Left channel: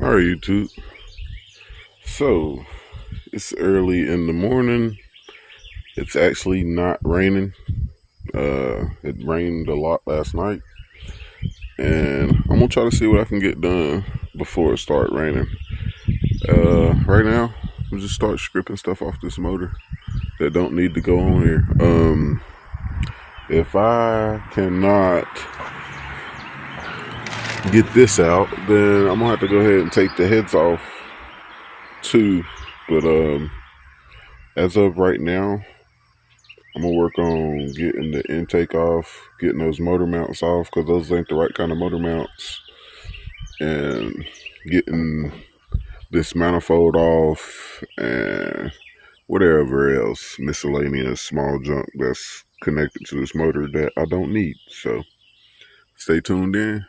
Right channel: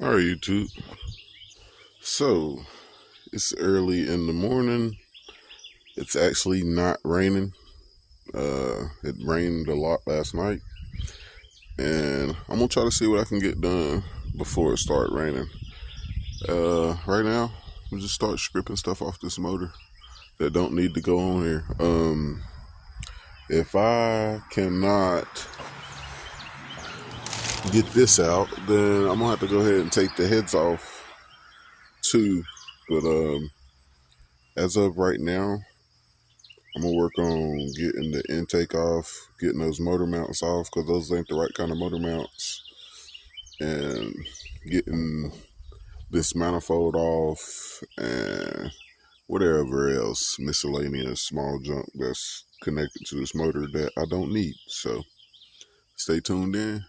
All right, YouTube. So it's early in the morning. It's actually not raining. It rained a lot last night, and I'm gonna try to see what I can get done before it starts raining. Right now, we'll just start stripping stuff off this motor that don't need to go on here. If I cannot get this out, then I'm gonna have to go ahead and take the heads off too. But as of right now, I'm gonna work on getting the intake off, getting those motor mounts off, because those ain't the right kind of motor mounts, and getting this manifold off and whatever else miscellaneous small junk that's connected to this motor that I don't need. So stay tuned in,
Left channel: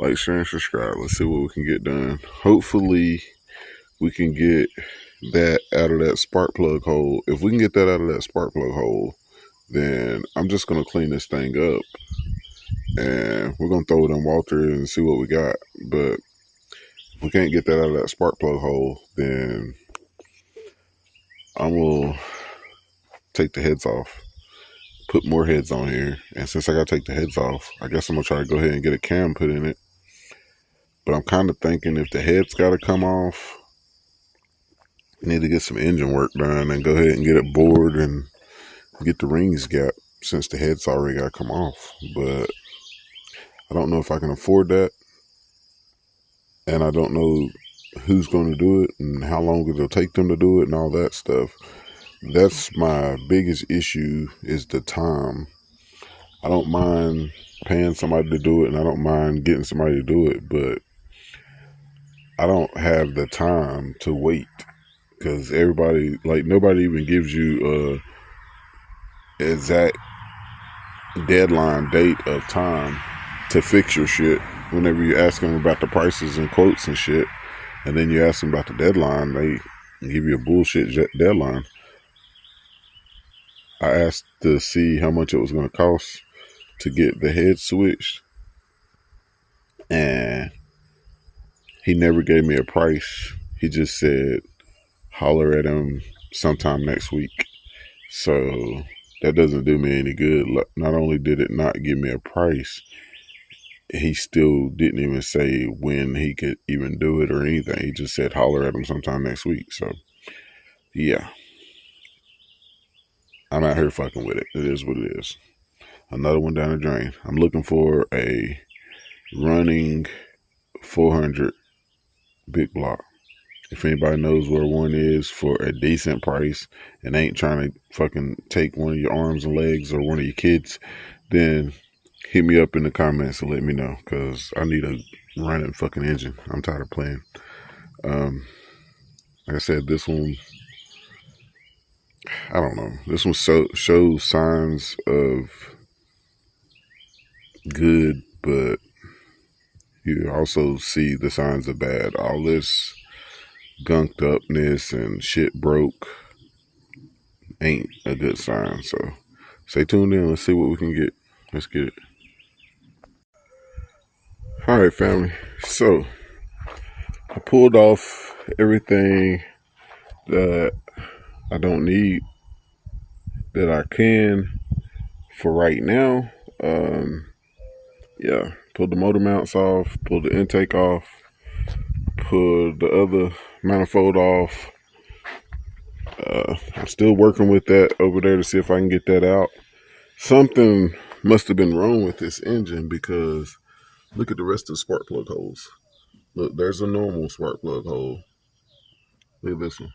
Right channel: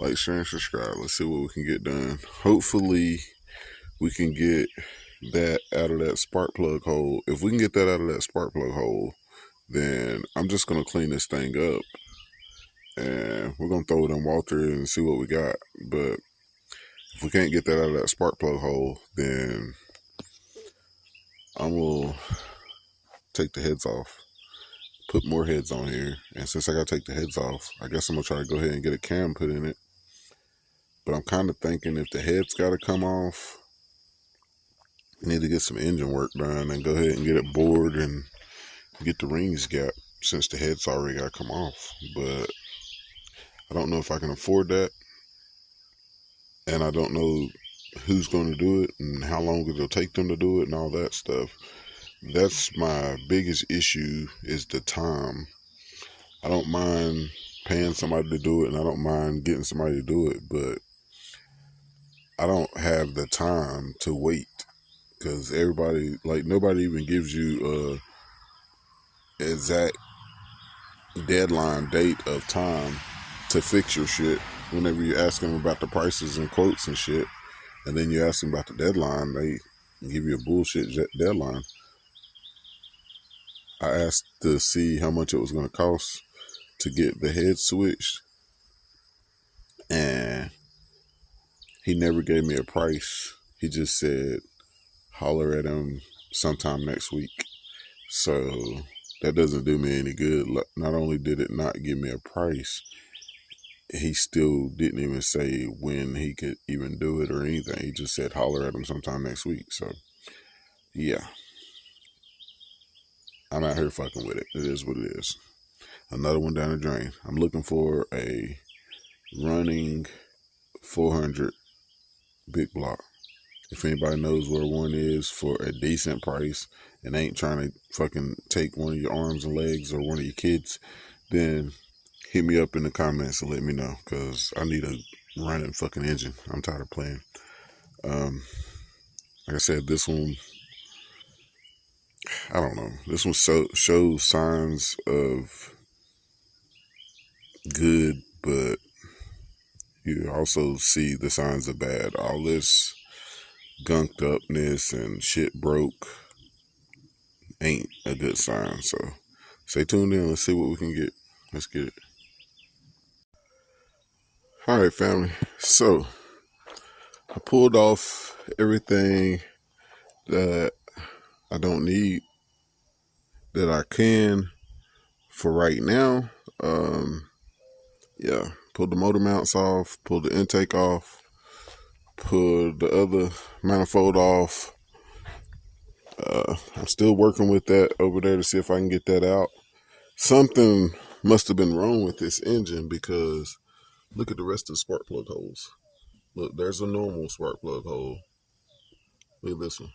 like, share, and subscribe. Let's see what we can get done. Hopefully we can get that out of that spark plug hole. If we can get that out of that spark plug hole, then I'm just gonna clean this thing up and we're gonna throw it in Walter and see what we got. But if we can't get that out of that spark plug hole, then I will take the heads off, put more heads on here. And since I gotta take the heads off, I guess I'm gonna try to go ahead and get a cam put in it. But I'm kind of thinking if the heads gotta come off, I need to get some engine work done and go ahead and get it bored and get the rings gap, since the head's already got to come off. But I don't know if I can afford that, and I don't know who's going to do it and how long it'll take them to do it and all that stuff. That's my biggest issue, is the time. I don't mind paying somebody to do it, and I don't mind getting somebody to do it, but I don't have the time to wait, because everybody, like, nobody even gives you exact deadline date of time to fix your shit. Whenever you ask them about the prices and quotes and shit, and then you ask them about the deadline, they give you a bullshit deadline. I asked to see how much it was going to cost to get the head switched, and he never gave me a price. He just said holler at him sometime next week. So that doesn't do me any good. Not only did it not give me a price, he still didn't even say when he could even do it or anything. He just said holler at him sometime next week. So yeah, I'm out here fucking with it. It is what it is. Another one down the drain. I'm looking for a running 400 big block. If anybody knows where one is for a decent price and ain't trying to fucking take one of your arms and legs or one of your kids, then hit me up in the comments and let me know, because I need a running fucking engine. I'm tired of playing. Like I said, this one, I don't know. This one shows signs of good, but you also see the signs of bad. All this gunked upness and shit broke ain't a good sign. So stay tuned in. Let's see what we can get. Let's get it. All right, family. So I pulled off everything that I don't need, that I can for right now. Yeah, pulled the motor mounts off, pulled the intake off, pulled the other manifold off. I'm still working with that over there to see if I can get that out. Something must have been wrong with this engine, because look at the rest of the spark plug holes. Look, there's a normal spark plug hole. Look at this one.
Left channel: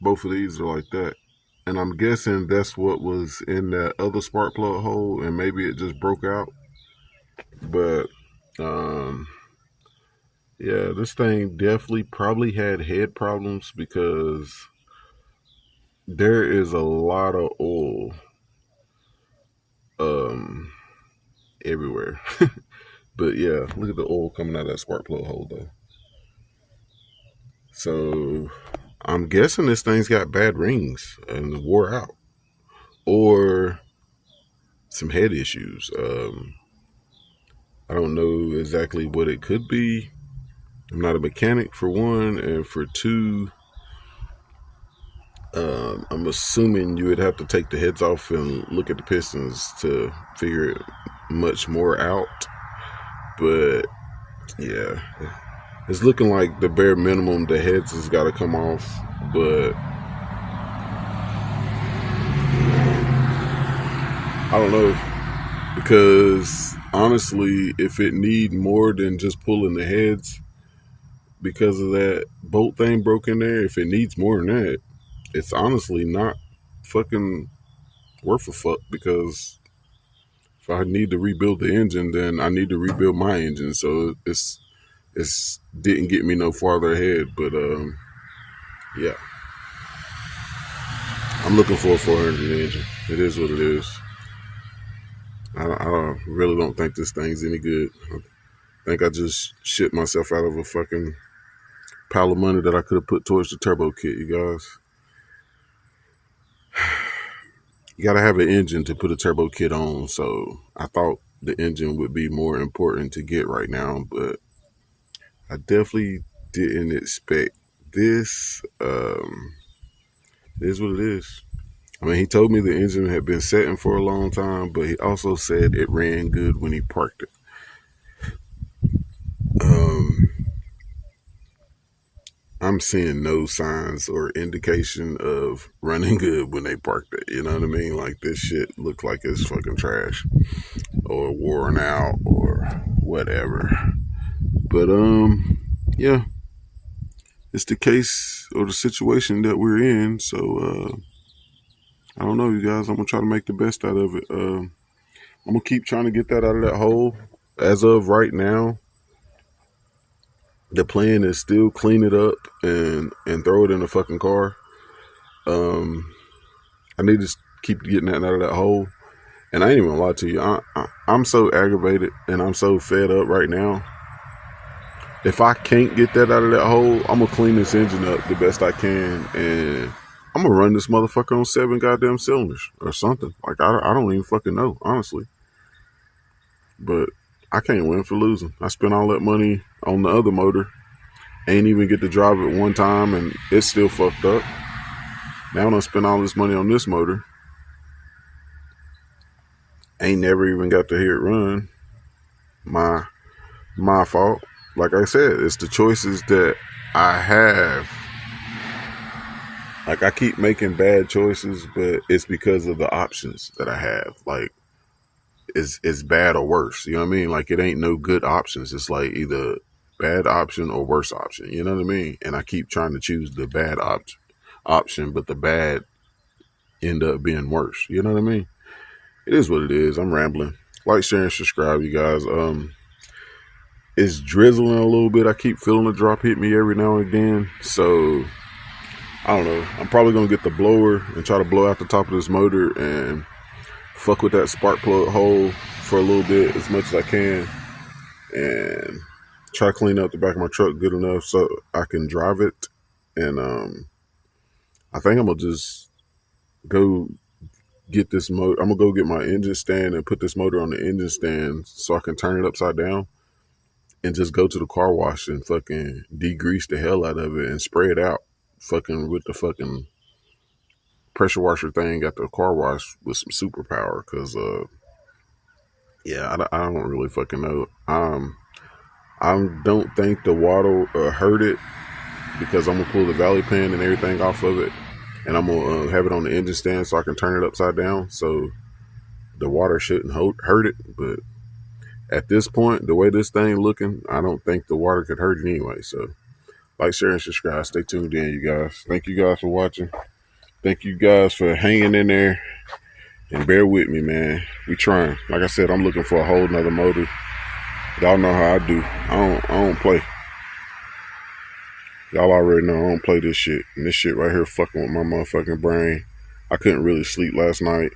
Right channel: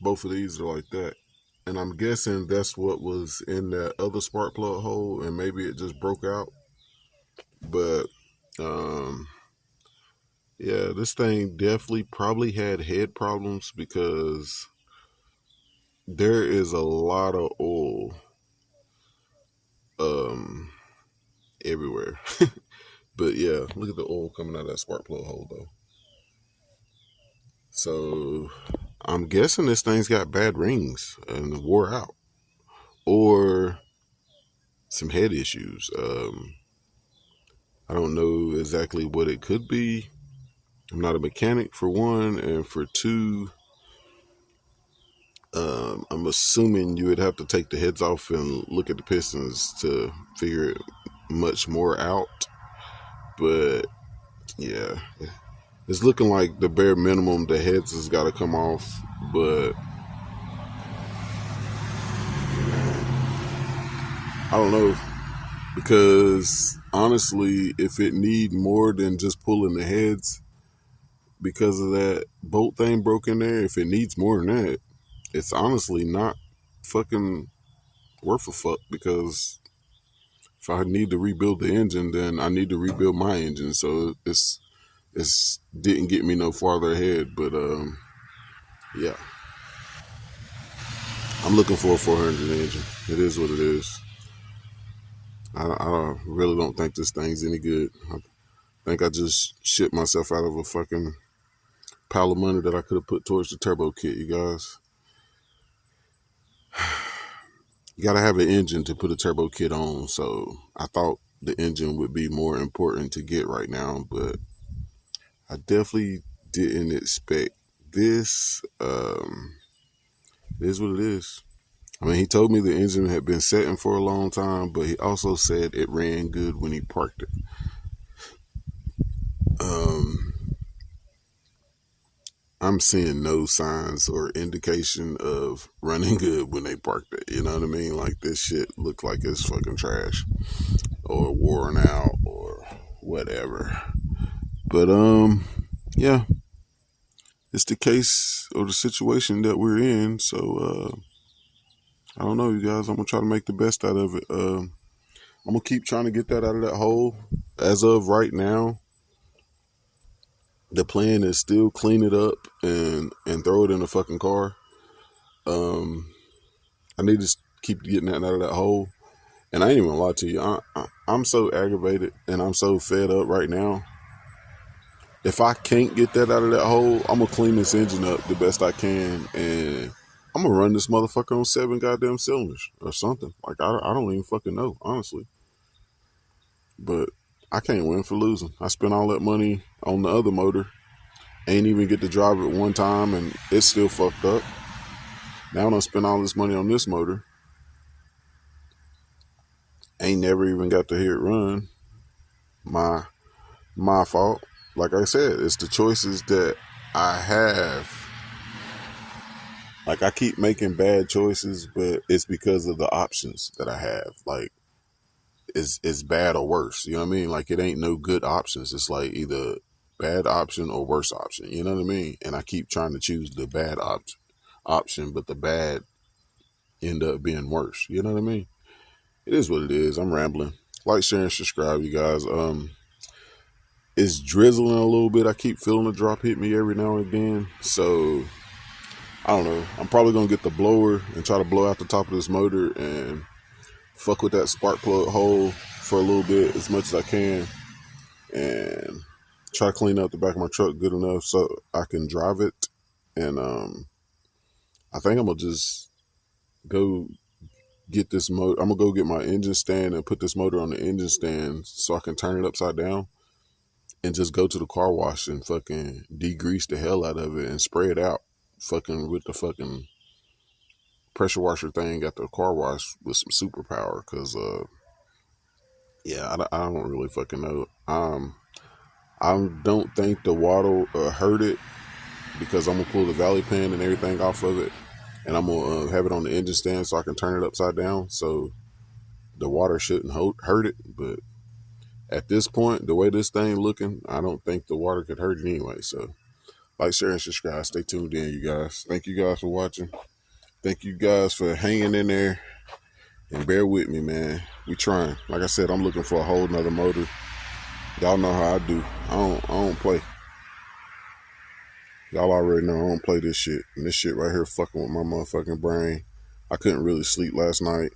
Both of these are like that. And I'm guessing that's what was in that other spark plug hole, and maybe it just broke out. But um, yeah, this thing definitely probably had head problems because there is a lot of oil um, everywhere. But yeah, look at the oil coming out of that spark plug hole though. So I'm guessing this thing's got bad rings and wore out, or some head issues. I don't know exactly what it could be. I'm not a mechanic for one, and for two, I'm assuming you would have to take the heads off and look at the pistons to figure it much more out. But yeah, it's looking like the bare minimum, the heads has got to come off. But I don't know, because honestly, if it need more than just pulling the heads because of that bolt thing broke in there, if it needs more than that, it's honestly not fucking worth a fuck, because if I need to rebuild the engine, then I need to rebuild my engine. So it's didn't get me no farther ahead. But yeah, I'm looking for a 400 engine. It is what it is. I really don't think this thing's any good. I think I just shit myself out of a fucking pile of money that I could have put towards the turbo kit, you guys. You gotta have an engine to put a turbo kit on, so I thought the engine would be more important to get right now, but I definitely didn't expect this. It is what it is. I mean, he told me the engine had been setting for a long time, but he also said it ran good when he parked it. Um, I'm seeing no signs or indication of running good when they parked it. You know what I mean? Like, this shit looked like it's fucking trash or worn out or whatever. But yeah, it's the case or the situation that we're in. So I don't know, you guys. I'm gonna try to make the best out of it. I'm gonna keep trying to get that out of that hole. As of right now, the plan is still clean it up and throw it in the fucking car. Um, I need to keep getting that out of that hole. And I ain't even gonna lie to you. I'm so aggravated and I'm so fed up right now. If I can't get that out of that hole, I'm gonna clean this engine up the best I can, and I'm gonna run this motherfucker on 7 goddamn cylinders or something. Like, I don't even fucking know, honestly. But I can't win for losing. I spent all that money on the other motor, ain't even get to drive it one time, and it's still fucked up. Now I spent all this money on this motor, ain't never even got to hear it run. My fault. Like I said, it's the choices that I have. Like, I keep making bad choices, but it's because of the options that I have. Like, it's bad or worse. You know what I mean? Like, it ain't no good options. It's like either bad option or worse option. You know what I mean? And I keep trying to choose the bad option, but the bad end up being worse. You know what I mean? It is what it is. I'm rambling. Like, share, and subscribe, you guys. It's drizzling a little bit. I keep feeling the drop hit me every now and then. So I don't know. I'm probably gonna get the blower and try to blow out the top of this motor and fuck with that spark plug hole for a little bit as much as I can, and try to clean out the back of my truck good enough so I can drive it. And I think I'm gonna just go get this motor. I'm gonna go get my engine stand and put this motor on the engine stand so I can turn it upside down and just go to the car wash and fucking degrease the hell out of it and spray it out, fucking with the fucking pressure washer thing at the car wash with some superpower. Cause yeah, I don't really fucking know. I don't think the water hurt it, because I'm gonna pull the valley pin and everything off of it, and I'm gonna have it on the engine stand so I can turn it upside down, so the water shouldn't hurt it. But at this point, the way this thing looking, I don't think the water could hurt it anyway. So Like, share, and subscribe. Stay tuned in, you guys. Thank you guys for watching. Thank you guys for hanging in there. And bear with me, man. We trying. Like I said, I'm looking for a whole nother motor. Y'all know how I do. I don't play. Y'all already know I don't play this shit. And this shit right here fucking with my motherfucking brain. I couldn't really sleep last night.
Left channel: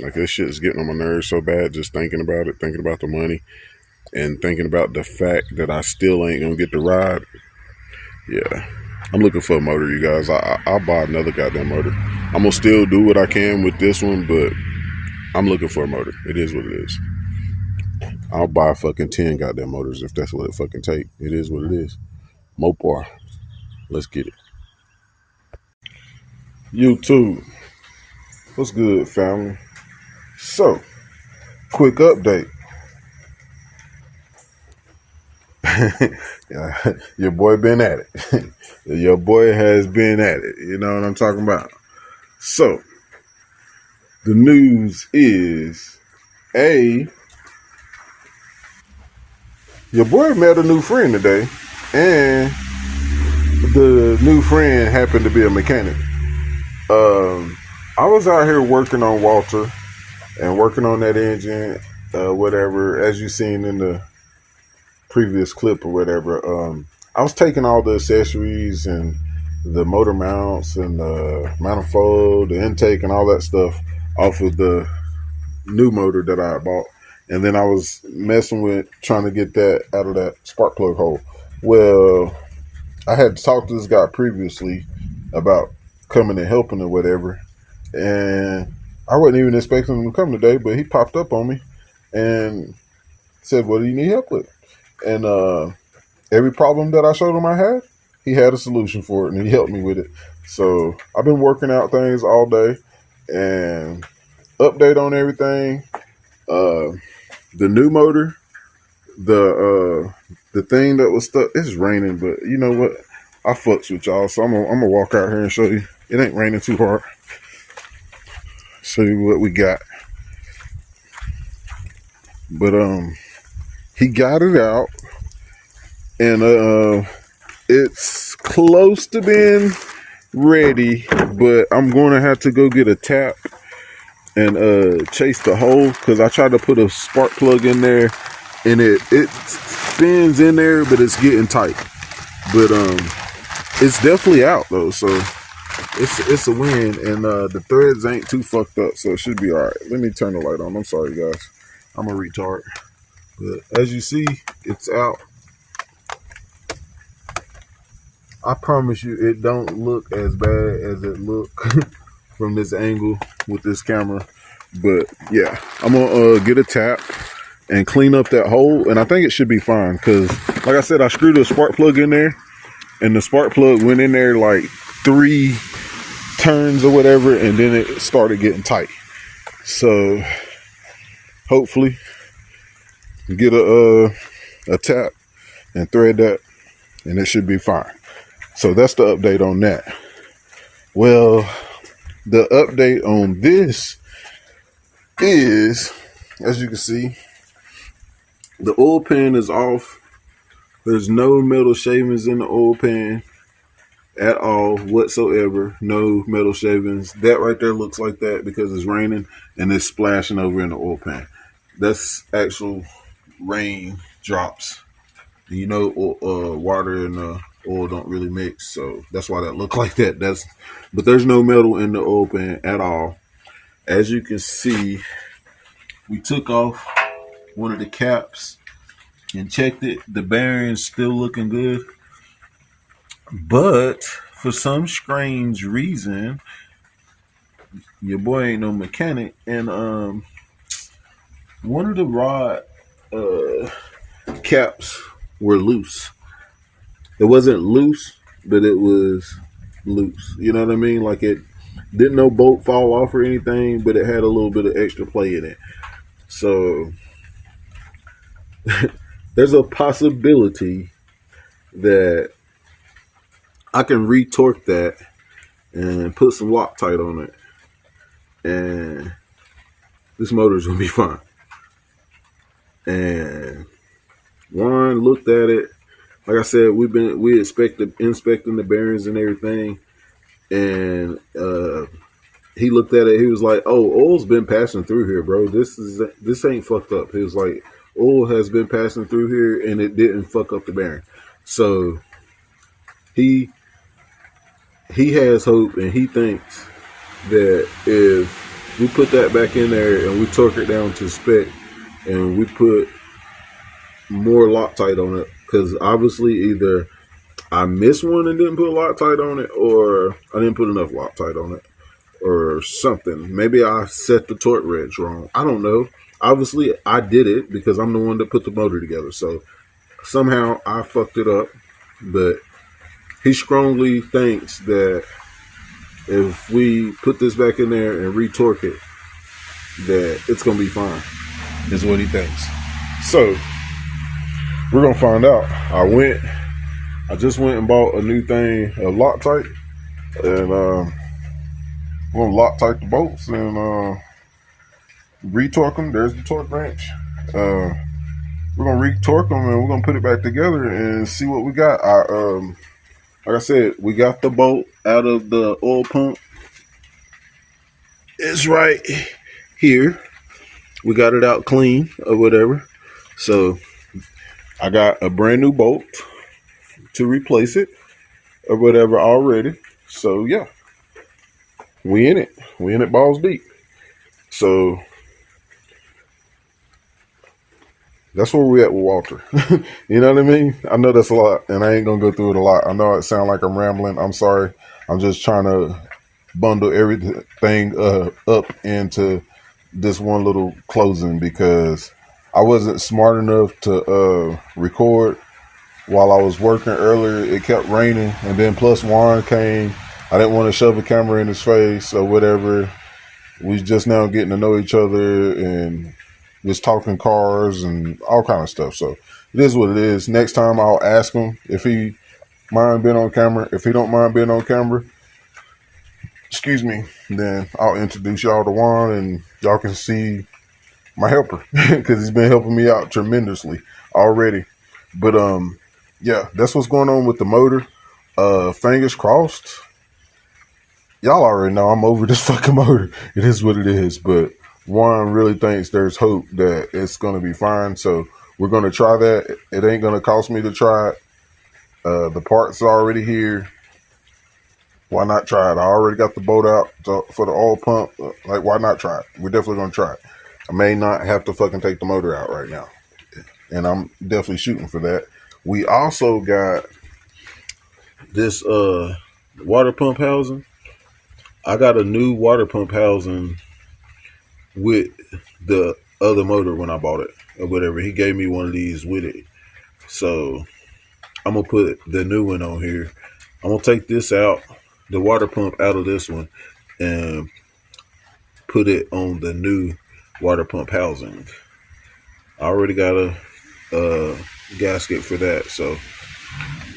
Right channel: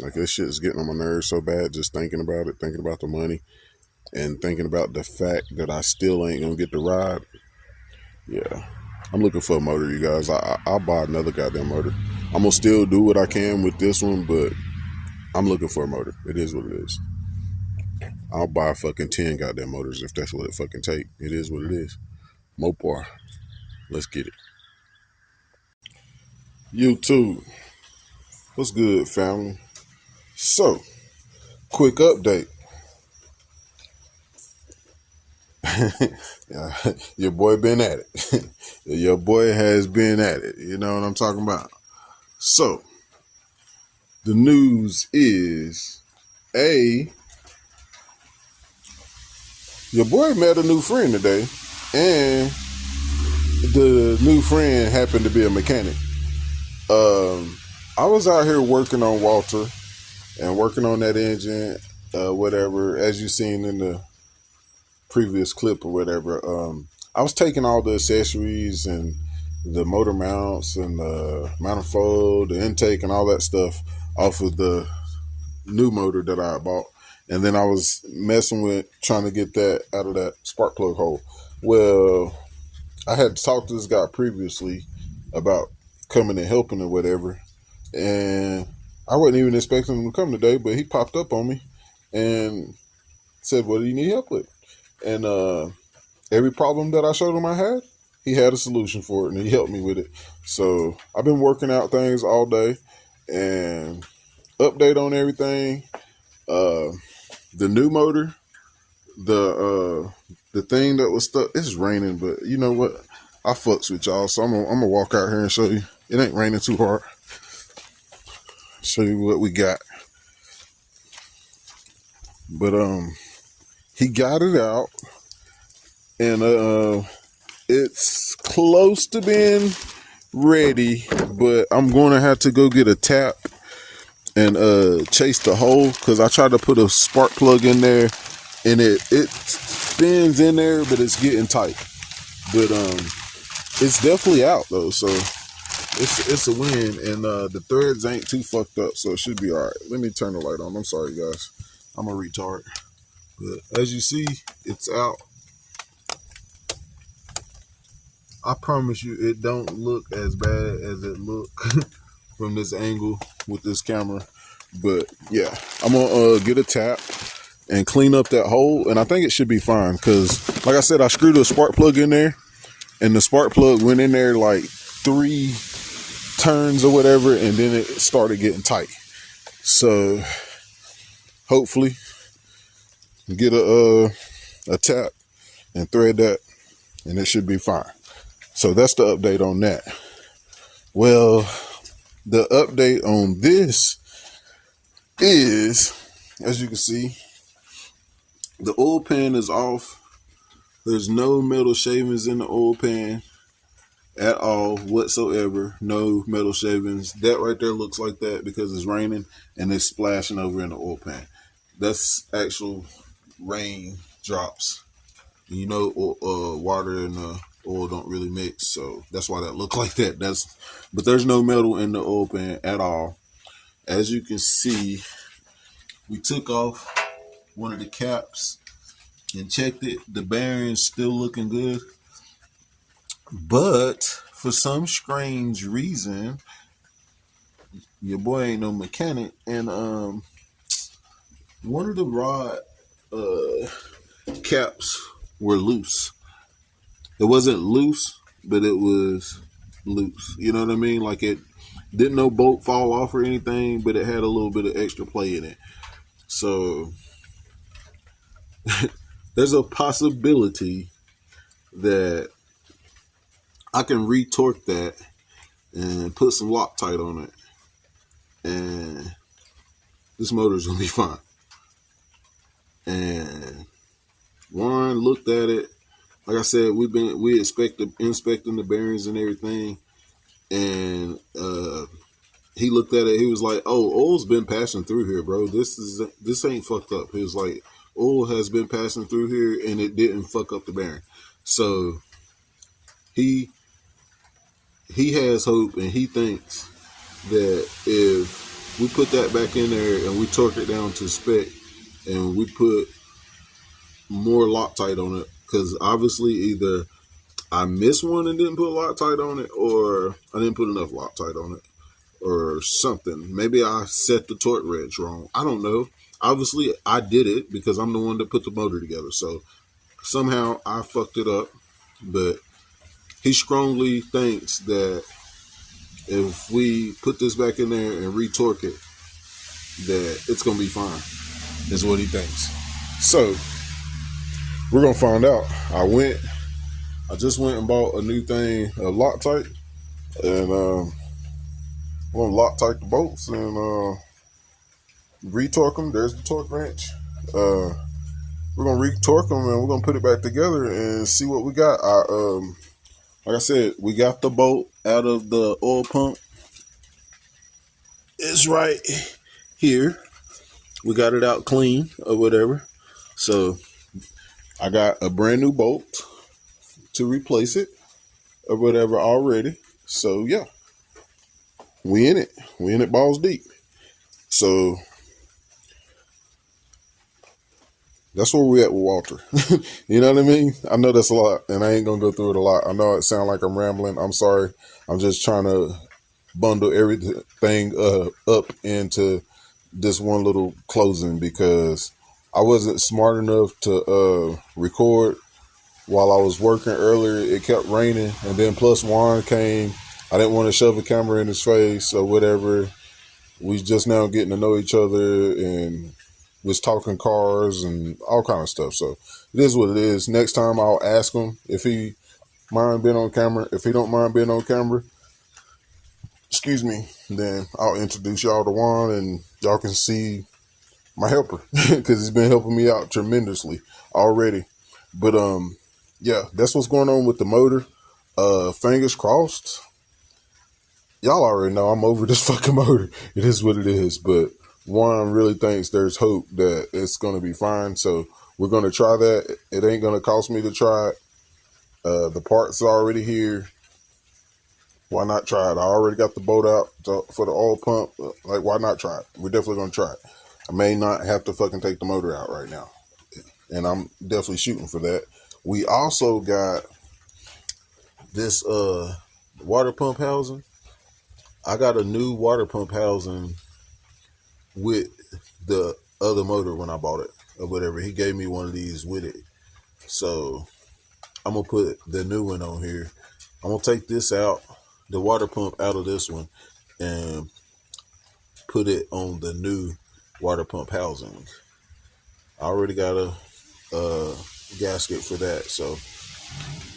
Like, this shit is getting on my nerves so bad just thinking about it, thinking about the money, and thinking about the fact that I still ain't gonna get the ride. Yeah. I'm looking for a motor, you guys. I'll buy another goddamn motor. I'm gonna still do what I can with this one, but I'm looking for a motor. It is what it is. I'll buy fucking 10 goddamn motors if that's what it fucking take. It is what it is. Mopar. Let's get it. YouTube. What's good, family? So, quick update. Yeah, your boy been at it. Your boy has been at it. You know what I'm talking about? So, the news is, your boy met a new friend today, and the new friend happened to be a mechanic. I was out here working on Walter and working on that engine, whatever, as you seen in the previous clip or whatever. I was taking all the accessories and the motor mounts and the manifold, the intake, and all that stuff off of the new motor that I bought. And then I was messing with trying to get that out of that spark plug hole. Well, I had talked to this guy previously about coming and helping or whatever. And I wasn't even expecting him to come today, but he popped up on me and said, what do you need help with? And every problem that I showed him I had, he had a solution for it, and he helped me with it. So I've been working out things all day and update on everything. The new motor, the thing that was stuck, it's raining, but you know what? I fucks with y'all, so I'm gonna walk out here and show you. It ain't raining too hard. Show you what we got. But he got it out, and it's close to being ready, but I'm going to have to go get a tap and chase the hole, because I tried to put a spark plug in there and it spins in there, but it's getting tight. But it's definitely out though, so it's a win, and the threads ain't too fucked up, so it should be all right. Let me turn the light on. I'm sorry, guys. I'm a retard. But as you see, it's out. I promise you, it don't look as bad as it look from this angle with this camera. But yeah, I'm gonna get a tap and clean up that hole, and I think it should be fine, because like I said, I screwed a spark plug in there, and the spark plug went in there like 3 turns or whatever, and then it started getting tight. So hopefully get a tap and thread that, and it should be fine. So that's the update on that. Well, the update on this is, as you can see, the oil pan is off. There's no metal shavings in the oil pan at all whatsoever. No metal shavings. That right there looks like that because it's raining and it's splashing over in the oil pan. That's actual rain drops. You know, water and oil don't really mix, so that's why that look like that. But there's no metal in the oil pan at all. As you can see, we took off one of the caps and checked it. The bearing's still looking good, but for some strange reason, your boy ain't no mechanic, and one of the rod caps were loose. It wasn't loose, but it was loose. You know what I mean? Like, it didn't no bolt fall off or anything, but it had a little bit of extra play in it. So there's a possibility that I can retorque that and put some Loctite on it, and this motor's gonna be fine. And Juan looked at it. like I said, we inspecting the bearings and everything, and he looked at it. He was like, "Oh, oil's been passing through here, bro. This ain't fucked up." He was like, "Oil has been passing through here, and it didn't fuck up the bearing." So he he has hope, and he thinks that if we put that back in there and we torque it down to spec, and we put more Loctite on it, because obviously either I missed one and didn't put Loctite on it, or I didn't put enough Loctite on it, or something. Maybe I set the torque wrench wrong. I don't know. Obviously, I did it because I'm the one that put the motor together. So somehow I fucked it up. But he strongly thinks that if we put this back in there and retorque it, that it's going to be fine, is what he thinks. So we're going to find out. I just went and bought a new thing of Loctite, and we're going to Loctite the bolts and retorque them. There's the torque wrench. We're going to retorque them and we're going to put it back together and see what we got. Like I said, we got the bolt out of the oil pump. It's right here. We got it out clean or whatever. So I got a brand new bolt to replace it or whatever already. So yeah, we in it. We in it balls deep. So that's where we at with Walter. You know what I mean? I know that's a lot, and I ain't gonna go through it a lot. I know it sounds like I'm rambling. I'm sorry. I'm just trying to bundle everything up into this one little closing, because I wasn't smart enough to record while I was working earlier. It kept raining, and then plus Juan came. I didn't want to shove a camera in his face or whatever. We just now getting to know each other and just talking cars and all kind of stuff. So it is what it is. Next time I'll ask him if he mind being on camera. If he don't mind being on camera, excuse me, then I'll introduce y'all to Juan and y'all can see my helper, because he's been helping me out tremendously already. But yeah, that's what's going on with the motor. Fingers crossed. Y'all already know I'm over this fucking motor. It is what it is. But Juan really thinks there's hope that it's going to be fine. So we're going to try that. It ain't going to cost me to try it. The parts are already here. Why not try it? I already got the bolt out for the oil pump. Like, why not try it? We're definitely going to try it. I may not have to fucking take the motor out right now, and I'm definitely shooting for that. We also got this water pump housing. I got a new water pump housing with the other motor when I bought it or whatever. He gave me one of these with it. So I'm going to put the new one on here. I'm going to take this out, the water pump out of this one, and put it on the new water pump housing. I already got a gasket for that. So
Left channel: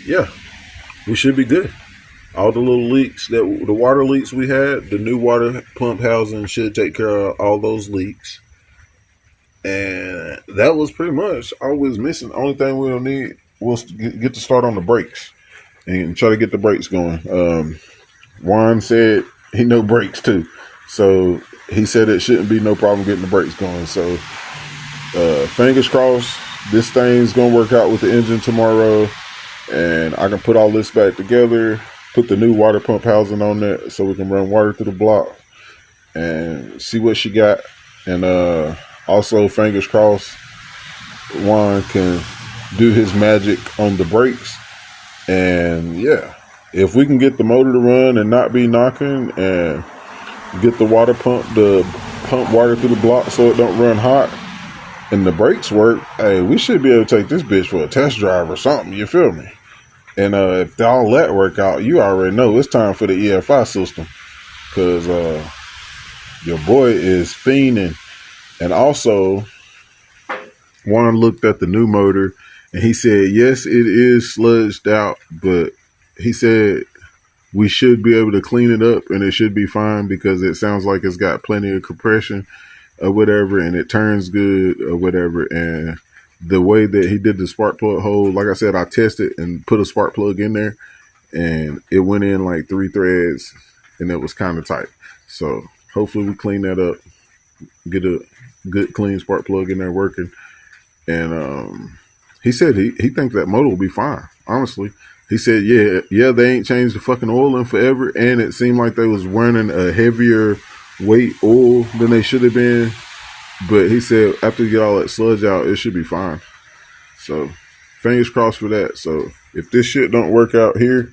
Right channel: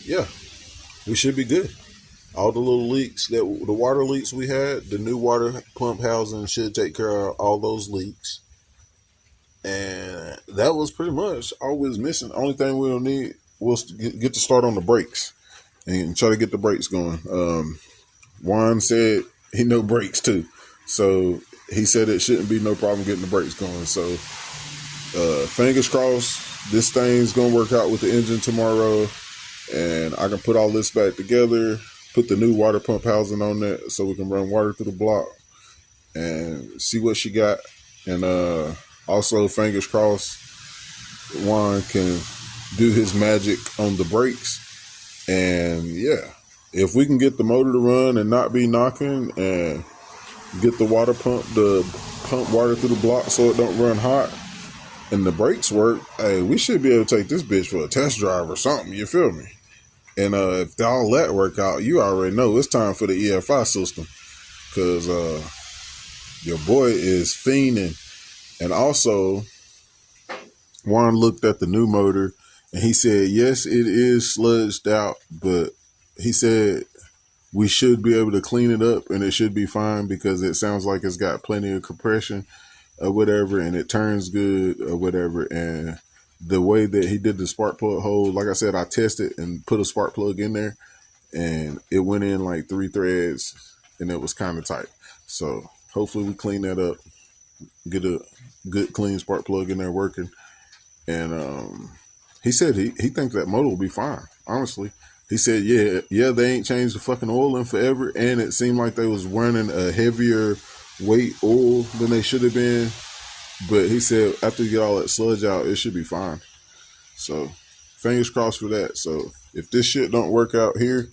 yeah, we should be good. All the little leaks, the water leaks we had, the new water pump housing should take care of all those leaks. And that was pretty much all we was missing. The only thing we'll need was to get to start on the brakes and try to get the brakes going. Juan said he know brakes too. So he said it shouldn't be no problem getting the brakes going. So fingers crossed this thing's going to work out with the engine tomorrow. And I can put all this back together, put the new water pump housing on there so we can run water through the block and see what she got. And also, fingers crossed, Juan can do his magic on the brakes. And yeah, if we can get the motor to run and not be knocking, and get the water pump to pump water through the block so it don't run hot, and the brakes work, hey, we should be able to take this bitch for a test drive or something, you feel me? And if all that work out, you already know it's time for the EFI system, because your boy is fiending. And also, Juan looked at the new motor and he said, yes, it is sludged out, but he said we should be able to clean it up and it should be fine, because it sounds like it's got plenty of compression or whatever, and it turns good or whatever. And the way that he did the spark plug hole, like I said, I tested and put a spark plug in there, and it went in like 3 threads, and it was kind of tight. So hopefully we clean that up, get a good clean spark plug in there working. And he said he thinks that motor will be fine. Honestly, he said yeah they ain't changed the fucking oil in forever, and it seemed like they was running a heavier weight oil than they should have been. But he said after you get all that sludge out, it should be fine. So fingers crossed for that. So if this shit don't work out here,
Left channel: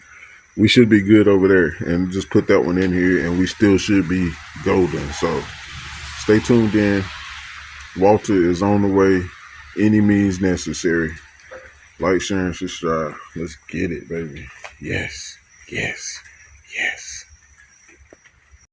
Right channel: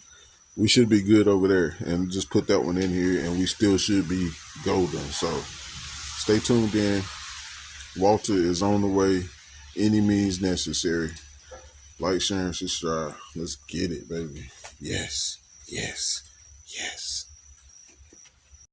we should be good over there, and just put that one in here, and we still should be golden. So stay tuned in. Walter is on the way, any means necessary. Like, share, and subscribe. Let's get it, baby. Yes, yes, yes.